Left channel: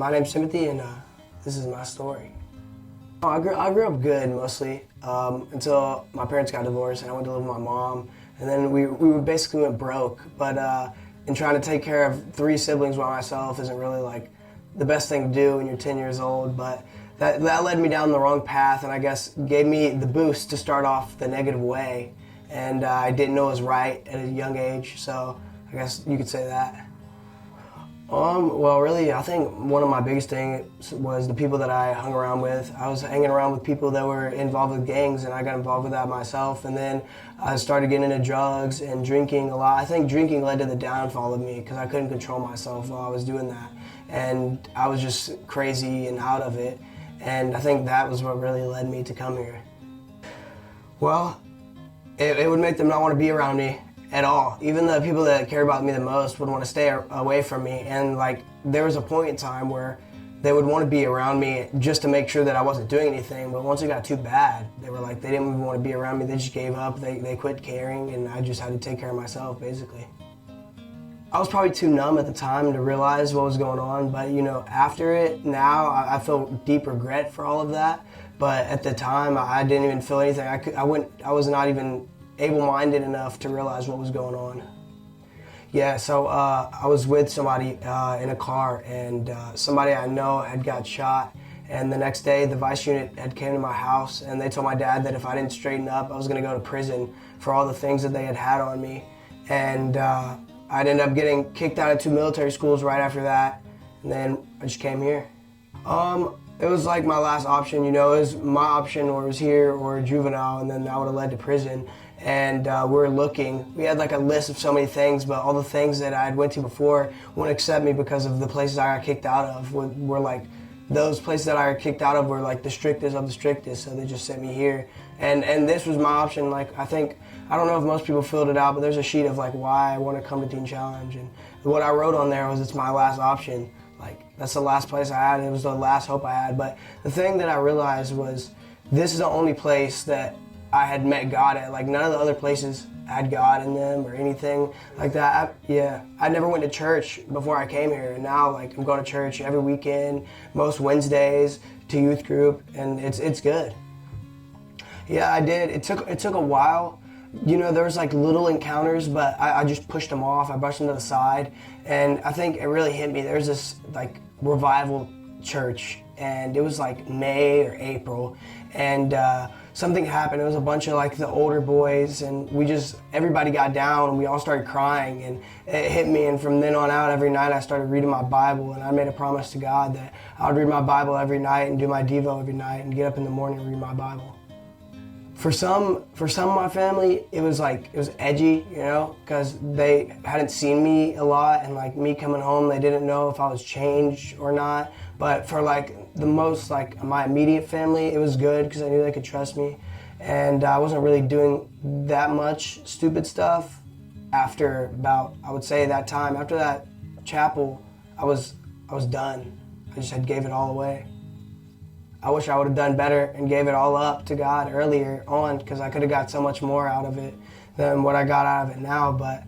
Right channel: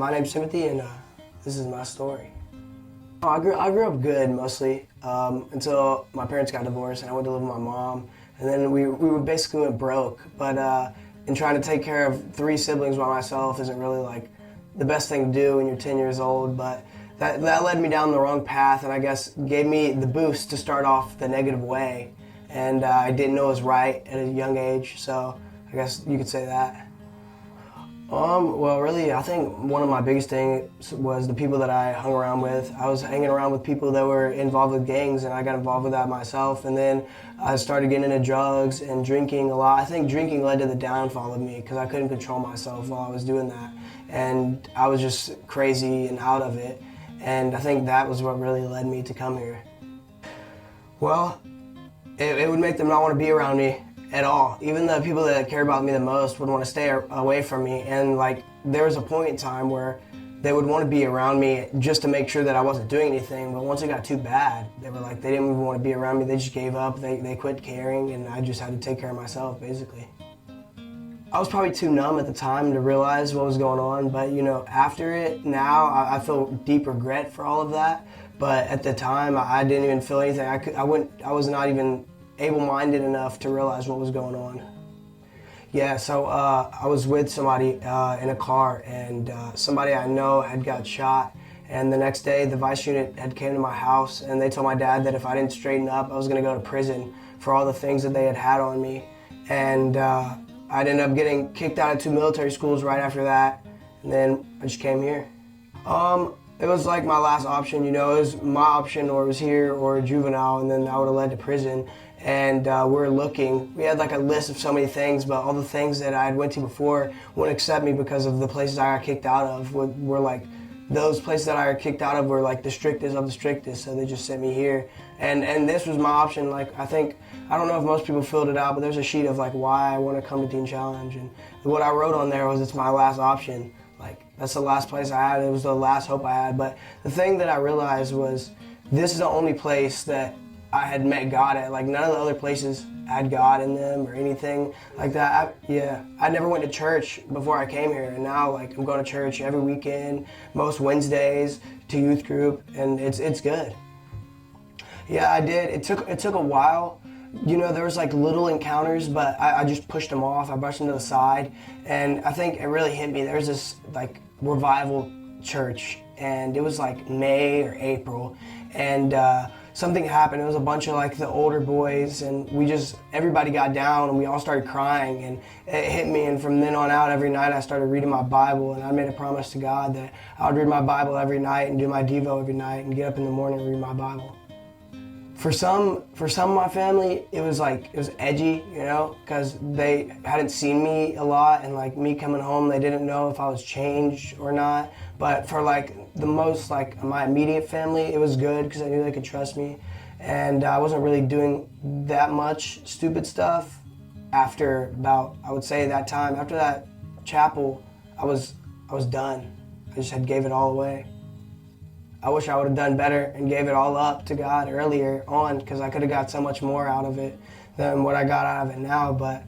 My name's Timothy, and this is my story. I grew up good mostly until my parents got divorced, and I went to live with my mom. And then we basically went broke. But in trying to take care of 3 siblings by myself isn't really like the best thing to do when you're 10 years old. But that led me down the wrong path, and I guess gave me the boost to start off the negative way. And I didn't know it was right at a young age, so I guess you could say that. Well, really, I think one of my biggest things was the people that I hung around with. I was hanging around with people that were involved with gangs, and I got involved with that myself. And then I started getting into drugs and drinking a lot. I think drinking led to the downfall of me because I couldn't control myself while I was doing that. And I was just crazy and out of it. And I think that was what really led me to come here. Well, it would make them not want to be around me at all. Even the people that care about me the most would want to stay away from me. And like there was a point in time where they would want to be around me just to make sure that I wasn't doing anything. But once it got too bad, they were like, they didn't even want to be around me. They just gave up. They quit caring, and I just had to take care of myself, basically. I was probably too numb at the time to realize what was going on. But you know, after it, now I feel deep regret for all of that. But at the time, I didn't even feel anything. I was not even able-minded enough to realize what was going on. Yeah, so I was with somebody in a car, and somebody I know had got shot. And the next day, the vice unit had came to my house, and they told my dad that if I didn't straighten up, I was going to go to prison for all the things that they had on me. And I'd end up getting kicked out of 2 military schools right after that, and then I just came here. It was like my last option, you know. It was my option, or it was here or juvenile, and then that would have led to prison. And we were looking. We had like a list of so many things, but all the things that I had went to before wouldn't accept me because of the places I got kicked out of were like, those places that I got kicked out of were like the strictest of the strictest, so they just sent me here. And this was my option. Like I don't know if most people filled it out, but there's a sheet of like why I want to come to Teen Challenge, and what I wrote on there was it's my last option. Like that's the last place I had. It was the last hope I had. But the thing that I realized was this is the only place that I had met God at. Like none of the other places had God in them or anything like that. I never went to church before I came here, and now like I'm going to church every weekend, most Wednesdays, to youth group, and it's good. Yeah, I did. It took a while. You know, there was like little encounters, but I just pushed them off. I brushed them to the side, and I think it really hit me. There's this like revival church, and it was like May or April, and something happened. It was a bunch of like the older boys, and everybody got down, and we all started crying, and it hit me. And from then on out, every night I started reading my Bible, and I made a promise to God that I would read my Bible every night and do my Devo every night and get up in the morning and read my Bible. For some of my family, it was edgy, you know, because they hadn't seen me a lot, and like me coming home, they didn't know if I was changed or not. But for like the most, like my immediate family, it was good because I knew they could trust me, and I wasn't really doing that much stupid stuff. After about, I would say that time, after that chapel, I was done. I just had gave it all away. I wish I would have done better and gave it all up to God earlier on, because I could have got so much more out of it than what I got out of it now. But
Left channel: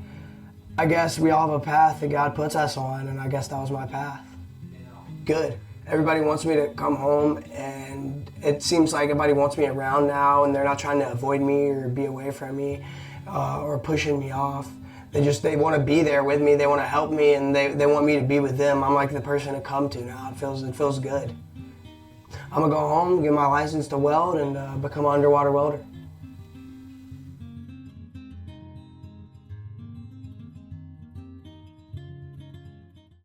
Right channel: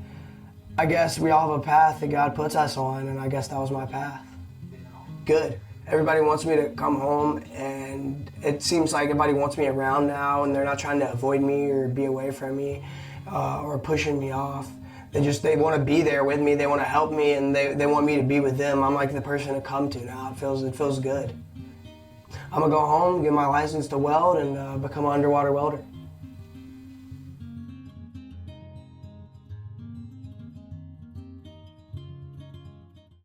I guess we all have a path that God puts us on, and I guess that was my path. Good. Everybody wants me to come home, and it seems like everybody wants me around now, and they're not trying to avoid me or be away from me or pushing me off. They want to be there with me. They want to help me, and they want me to be with them. I'm like the person to come to now. It feels good. I'm gonna go home, get my license to weld, and become an underwater welder.